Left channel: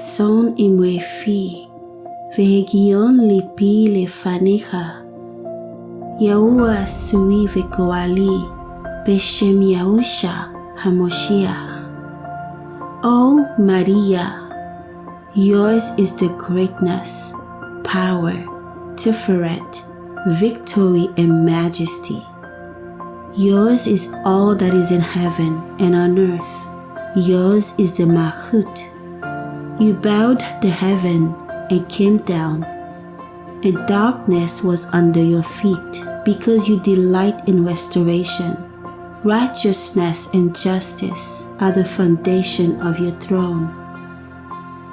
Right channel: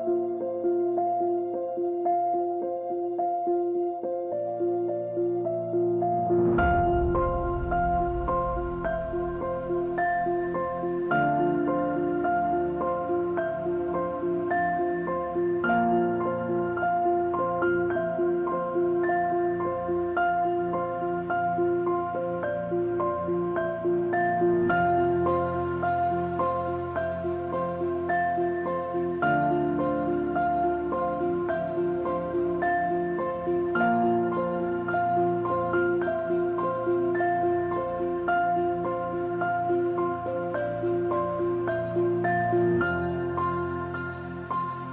sᴛɪʟʟ והגיון ליבי לפניך. יהוה שרי וגואלי בשם יהושע המשיח. O Maria, yours is the greatness, power, Tiferet, victory and majesty. Yours is all that is in heaven and on earth. Yours is the Malchut. You bowed the heaven and came down, and darkness was under your feet, because you delight in restoration. Righteousness and justice are the foundation of your throne.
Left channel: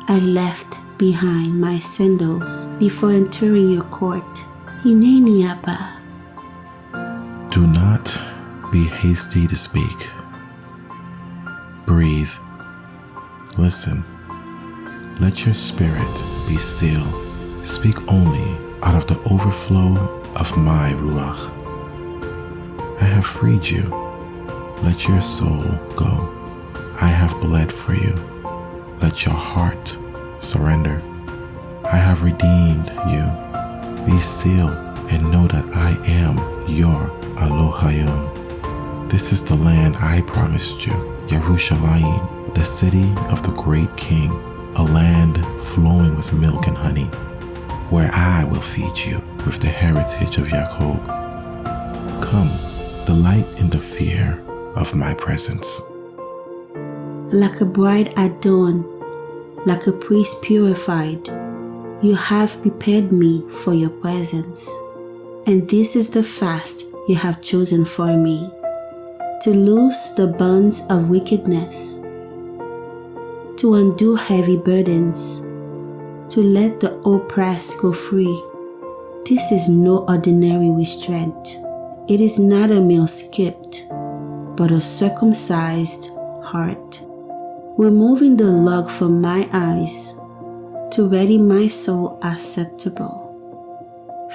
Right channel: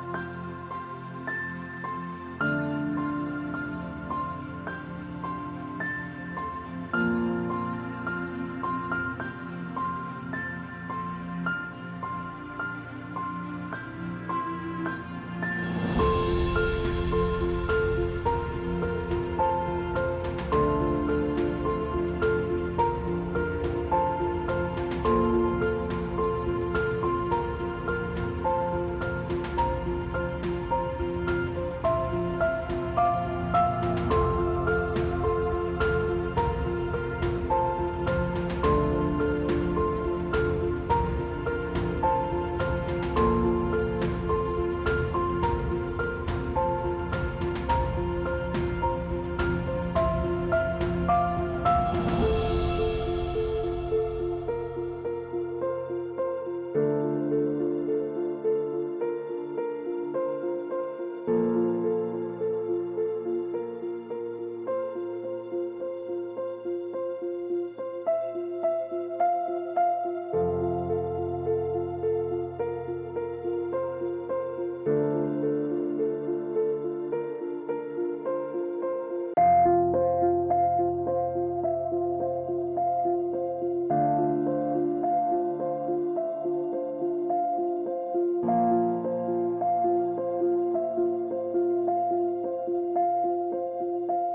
I left behind my sandals before entering your court. Hineni Abba. Do not be hasty to speak. Breathe. Listen. Let your spirit be still. Speak only out of the overflow of my Ruach. I have freed you. Let your soul go. I have bled for you. Let your heart surrender. I have redeemed you. Be still and know that I am your Alohayom. This is the land I promised you, Yerushalayim, the city of the great king, a land flowing with milk and honey, where I will feed you with the heritage of Jacob. Come, delight in the fear of my presence. Like a bride adorned, like a priest purified, you have prepared me for your presence. And this is the fast you have chosen for me, to loose the bonds of wickedness, to undo heavy burdens, to let the oppressed go free. This is no ordinary restraint. It is not a meal skipped, but a circumcised heart, removing the log from my eyes to ready my soul acceptable.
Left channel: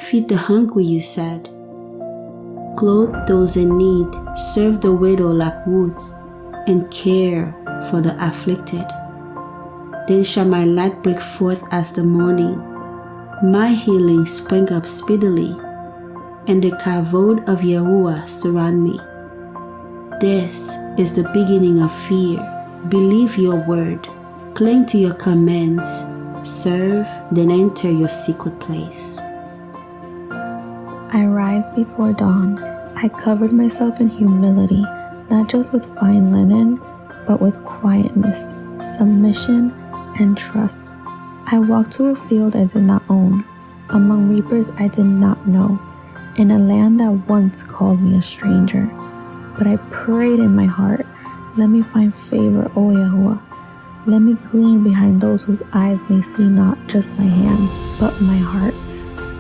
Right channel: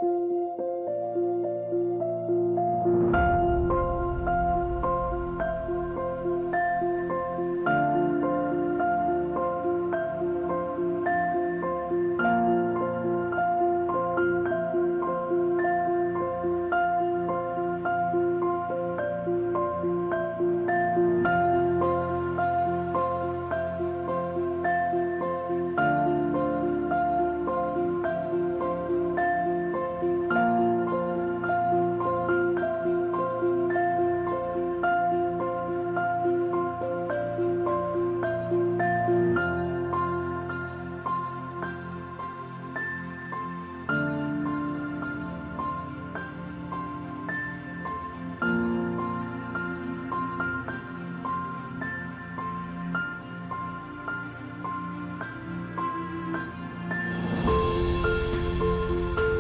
Feed the hungry, you said. Clothe those in need, serve the widow like Ruth, and care for the afflicted. Then shall my light break forth as the morning, my healing spring up speedily, and the kavod of Yahuwah surround me. This is the beginning of fear. Believe your word, cling to your commands, serve, then enter your secret place. I rise before dawn. I covered myself in humility, not just with fine linen, but with quietness, submission, and trust. I walked to a field I did not own, among reapers I did not know, in a land that once called me a stranger. But I prayed in my heart, let me find favor, O Yahweh. Let me glean behind those whose eyes may see not just my hands, but my heart.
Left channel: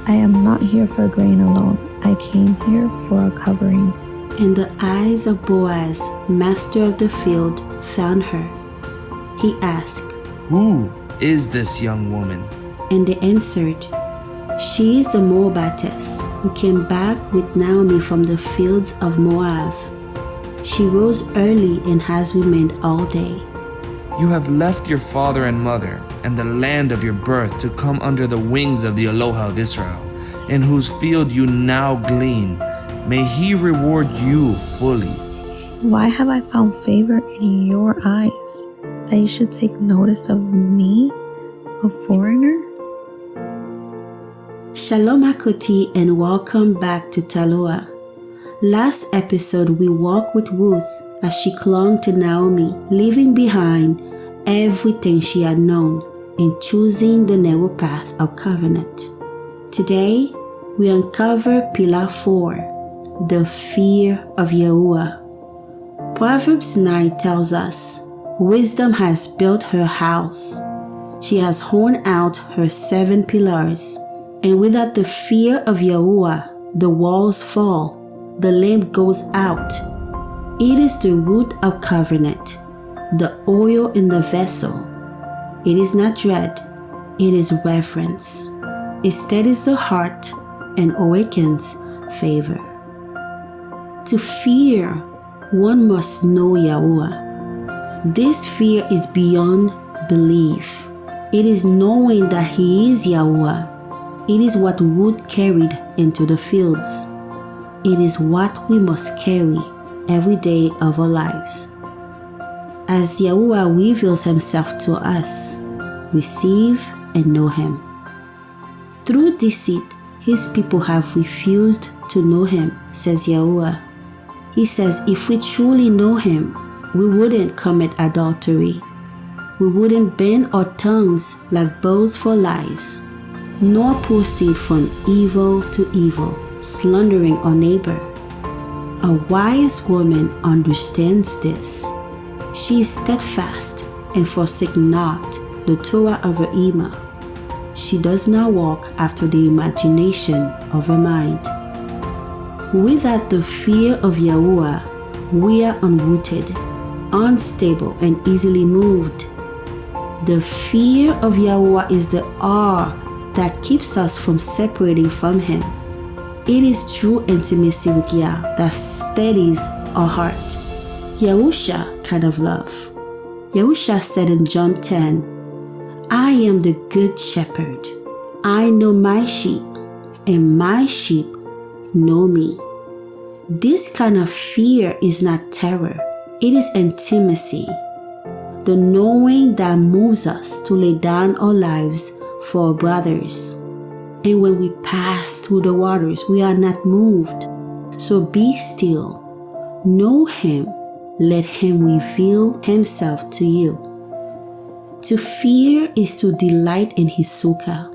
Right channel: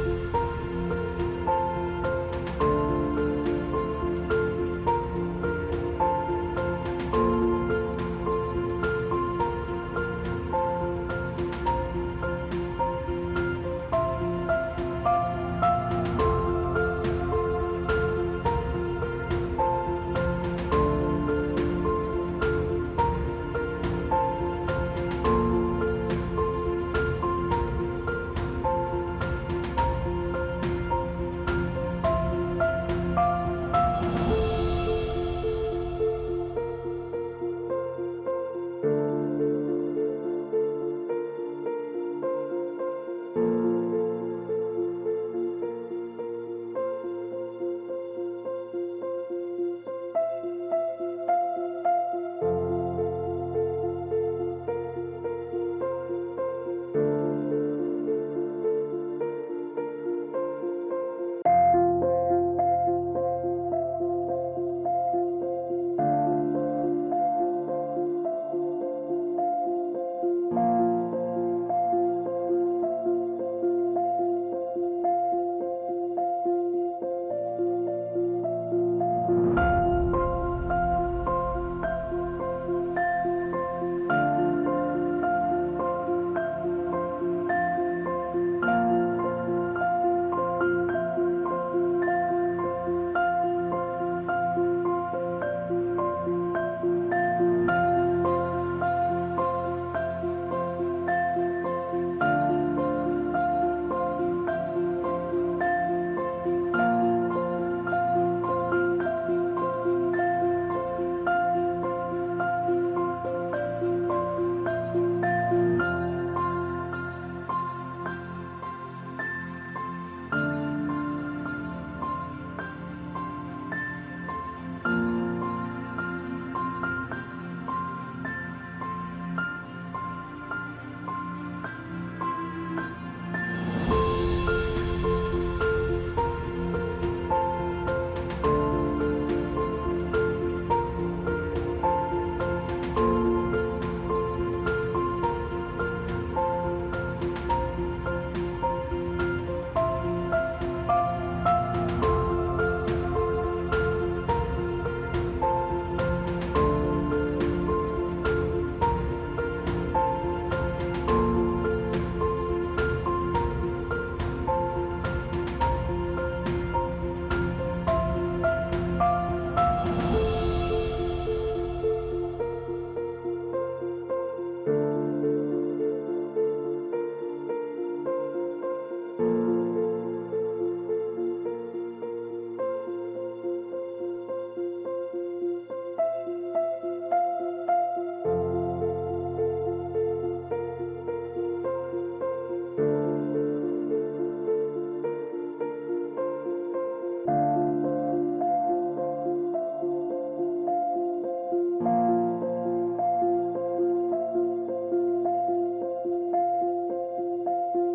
I am not here for grain alone. I came here for a covering. And the eyes of Boaz, master of the field, found her. He asked, Who is this young woman? And they answered, She is the Moabitess who came back with Naomi from the fields of Moab. She rose early and has remained all day. You have left your father and mother and the land of your birth to come under the wings of the Eloha of Israel, in whose field you now glean. May he reward you fully. Why have I found favor in your eyes, that you should take notice of me, a foreigner? Shalom Hakoti and welcome back to Talorah. Last episode we walked with Ruth as she clung to Naomi, leaving behind everything she had known and choosing the narrow path of covenant. Today we uncover Pillar 4, the fear of Yahuwah. Proverbs 9 tells us, Wisdom has built her house. She has hewn out her 7 pillars, and without the fear of Yahuwah, the walls fall, the lamp goes out. It is the root of covenant, the oil in the vessel. It is not dread, it is reverence. It steadies the heart and awakens favor. To fear, one must know Yahuwah. This fear is beyond belief. It is knowing that He is Yahuwah. It is what Ruth carried into the fields. It is what we must carry every day of our lives. As Yahuwah reveals Himself to us, receive and know Him. Through deceit, His people have refused to know Him, says Yahuwah. He says if we truly know Him, we wouldn't commit adultery. We wouldn't bend our tongues like bows for lies, nor proceed from evil to evil, slandering our neighbor. A wise woman understands this. She is steadfast and forsake not the Torah of her Emet. She does not walk after the imagination of her mind. Without the fear of Yahuwah, we are unrooted, unstable, and easily moved. The fear of Yahuwah is the awe that keeps us from separating from Him. It is true intimacy with Yah that steadies our heart. YaHUaH kind of love. YaHUaH said in John 10, I am the good shepherd. I know my sheep, and my sheep know me. This kind of fear is not terror. It is intimacy. The knowing that moves us to lay down our lives for our brothers. And when we pass through the waters, we are not moved. So be still. Know Him. Let Him reveal Himself to you. To fear is to delight in His sukkah.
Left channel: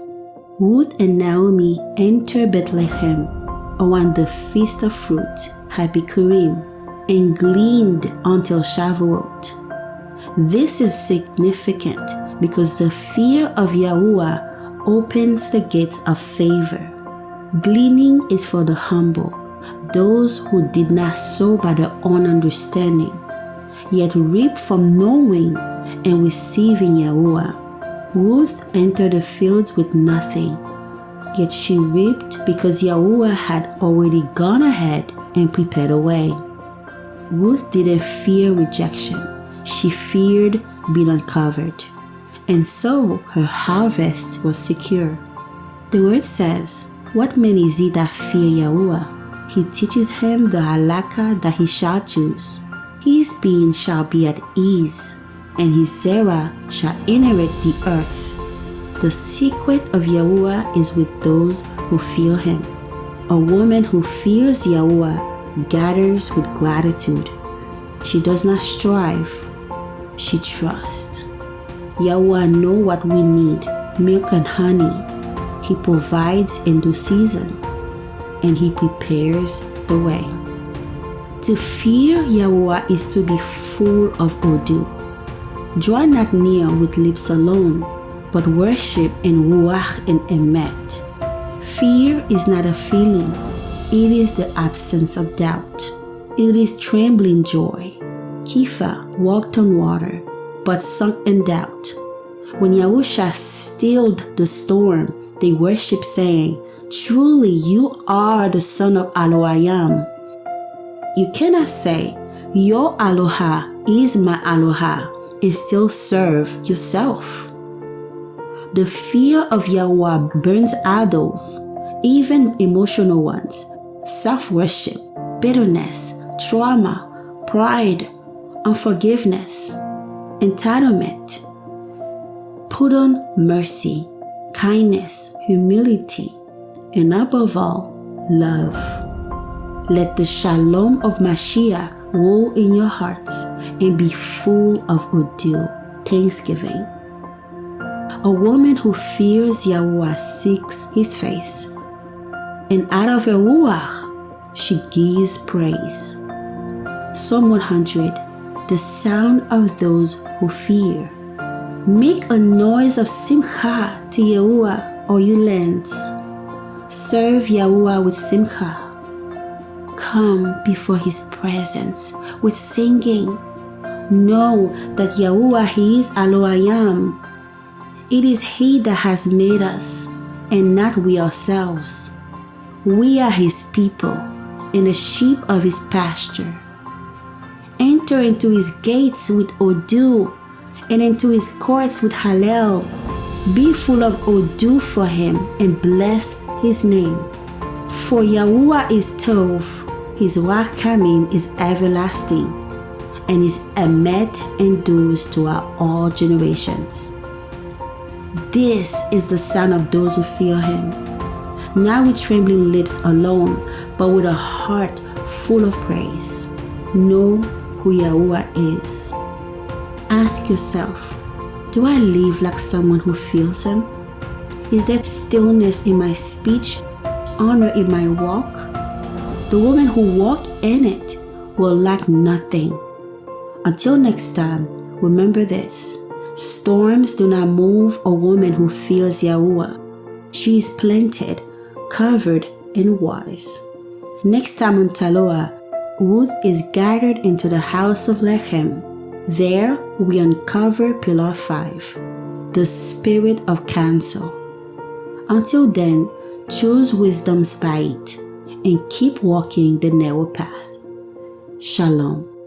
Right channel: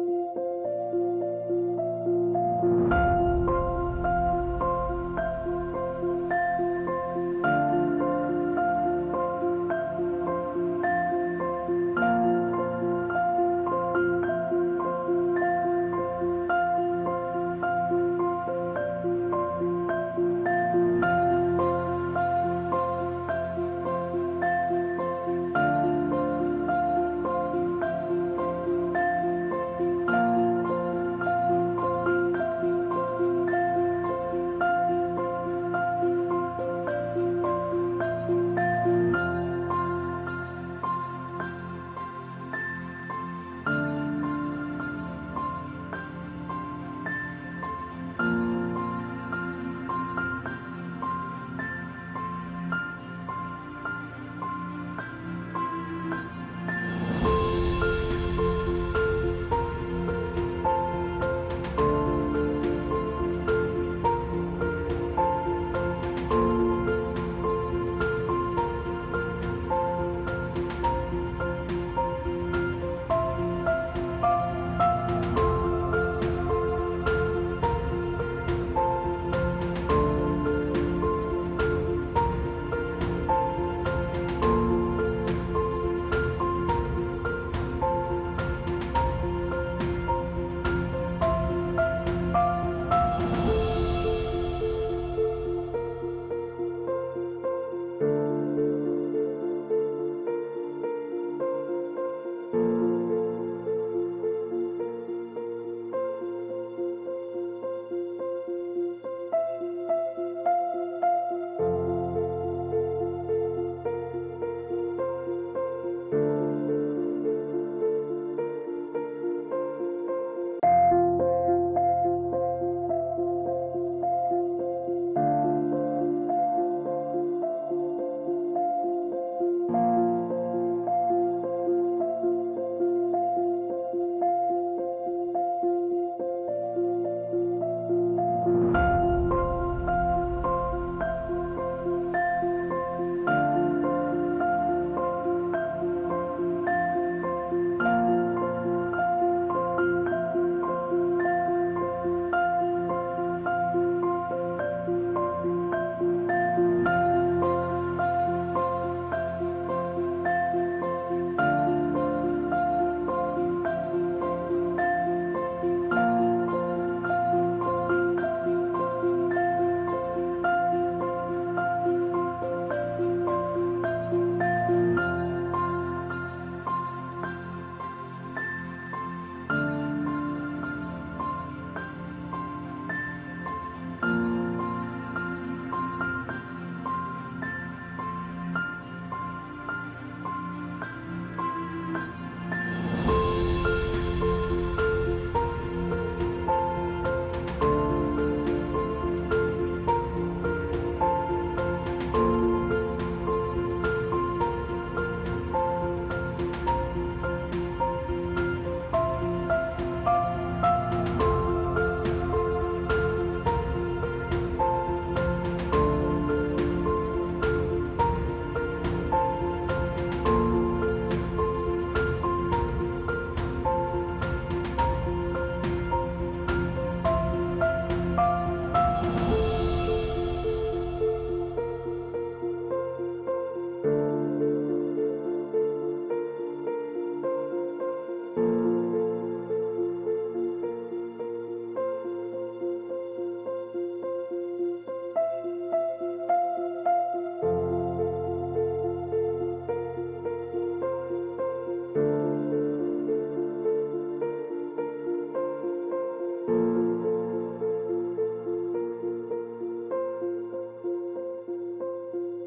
Ruth and Naomi enter Bethlehem around the Feast of Fruit, Happy Purim, and gleaned until Shavuot. This is significant because the fear of Yahuwah opens the gates of favor. Gleaning is for the humble, those who did not sow by their own understanding, yet reap from knowing and receiving Yahuwah. Ruth entered the fields with nothing, yet she reaped because Yahuwah had already gone ahead and prepared a way. Ruth didn't fear rejection. She feared being uncovered, and so her harvest was secure. The word says, what man is he that fear Yahuwah? He teaches him the halakha that he shall choose. His being shall be at ease, and his zerah shall inherit the earth. The secret of Yahuwah is with those who fear Him. A woman who fears Yahuwah gathers with gratitude. She does not strive. She trusts. Yahuwah knows what we need, milk and honey. He provides in due season, and He prepares the way. To fear Yahuwah is to be full of Hodu. Draw not near with lips alone, but worship in Ruach and Emet. Fear is not a feeling. It is the absence of doubt. It is trembling joy. Kepha walked on water, but sunk in doubt. When YaHUaH stilled the storm, they worshiped, saying, truly you are the Son of Alohayom. You cannot say, your Aloha is my Aloha, and still serve yourself. The fear of Yahuwah burns idols, even emotional ones, self-worship, bitterness, trauma, pride, unforgiveness, entitlement. Put on mercy, kindness, humility, and above all, love. Let the shalom of Mashiach rule in your hearts and be full of Hodu, thanksgiving. A woman who fears Yahuwah seeks His face, and out of her ruach, she gives praise. Psalm 100. The sound of those who fear. Make a noise of simcha to Yahuwah, all you lands. Serve Yahuwah with simcha. Come before His presence with singing. Know that Yahuwah He is Alohayom. It is He that has made us, and not we ourselves. We are His people, and the sheep of His pasture. Enter into His gates with Hodu, and into His courts with Hallel. Be full of Hodu for him and bless his name. For YaHUaH is Tov, his rachamim is everlasting, and his Emet endures throughout all generations. This is the sound of those who fear him, not with trembling lips alone, but with a heart full of praise. Know who YaHUaH is. Ask yourself, do I live like someone who feels him? Is there stillness in my speech, honor in my walk? The women who walk in it will lack nothing. Until next time, remember this. Storms do not move a woman who fears YaHUaH. She is planted, covered, and wise. Next time on Talorah, Ruth is gathered into the house of Lechem. There we uncover Pillar 5, the spirit of counsel. Until then, choose wisdom's bite and keep walking the narrow path. Shalom.